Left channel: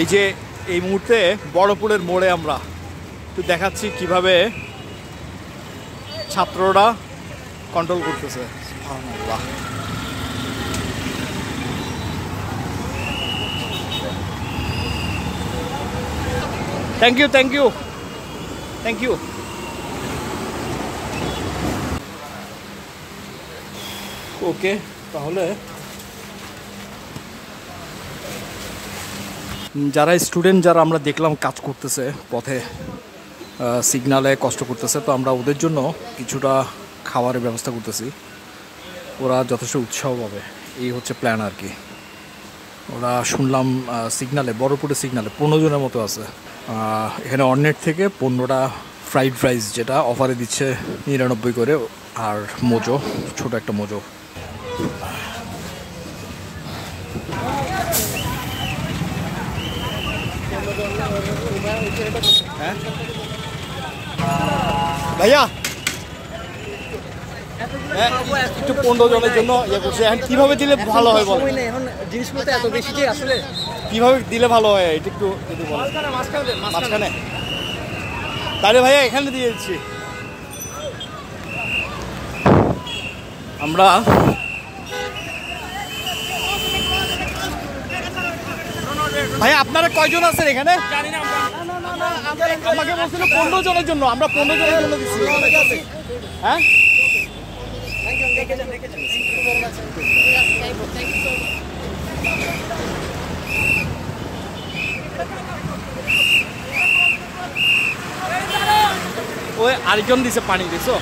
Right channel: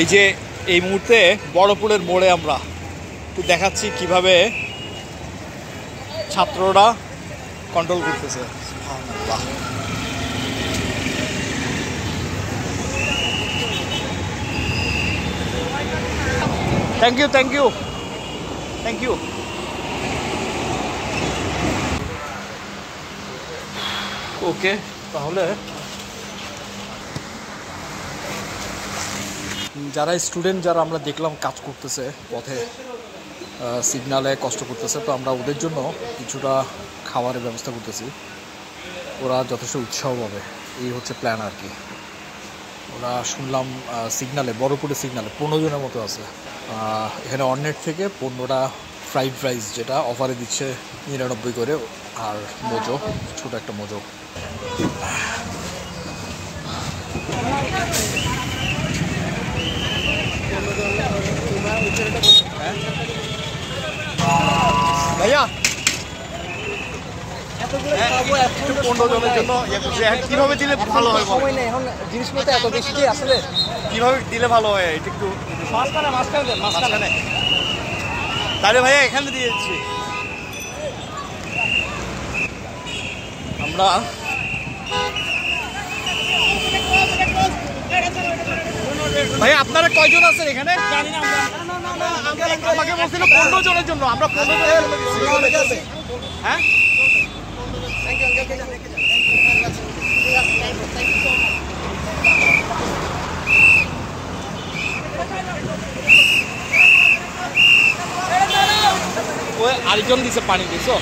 এই যে এই মুহূর্তে বড়পুলের মোড়ে আমরা একটু দেখাচ্ছি কিভাবে ছাত্ররা কন্ট্রোল করতেছে। Thank you thank you thank you. Okay, তাহলে যারা স্টুডেন্ট যারা আমরা দেখলাম কাজ করতেছে পথে, সিগনালে কষ্ট করতেছে, তো আমরা ওদের জন্য কিছুটা খাবারের ব্যবস্থা করতেছি, ওরা যথেষ্ট উৎসাহ পাবে, এই হচ্ছে প্ল্যান আর কি। ওরা শুনলাম সিগনালে, বড়পুরের সিগনালে 15 জনের মতো আছে। এখানে অর্নেট থেকে 15টা ফ্রাইড রাইস যেটা অফারে দিচ্ছে 99 করে, আর মোজো, ছোট একটা মোজো। ভাইয়া 15 জনের জন্য কিভাবে দিলে ভালো হয়? এখন জিনিসপত্র এত বেশি কি আসলে কিভাবে দিলে ভালো হয়? এটা একটু মাঝখানে তাহলে ভাইয়া এখানে দিয়ে দিচ্ছি আমরা। ভাই আপনারা কয়জন আছেন এখানে? আমাকে বলছিল 15 জনের জন্য, আমরা 15 জনের জন্য দিচ্ছি। হ্যাঁ, ওই আরেকজন দিছে পানি, দিছো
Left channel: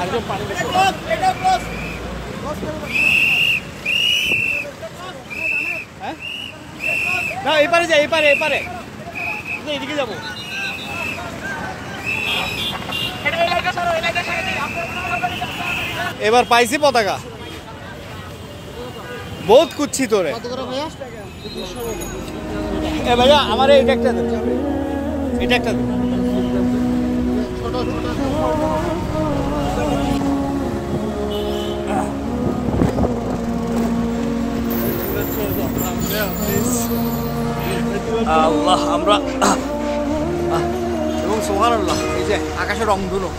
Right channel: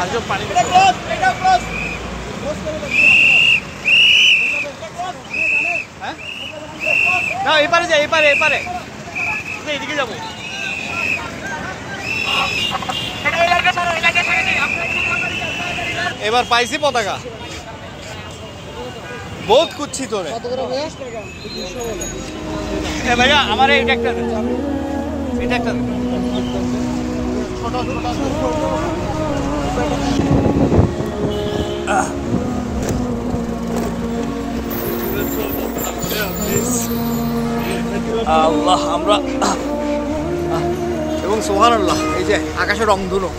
আরেকজন পানি দিছে। হ্যাঁ, না এপারে যাই, এপারে এদিকে যাবো। এবার পাইছি পতাকা, বহুত কুচ্ছি তোরে। ভাইয়া আমার এটা একটা, এটা একটা আল্লাহ আমরা এবং সুবহানাল্লাহ। এই যে আকাশে রংধনু।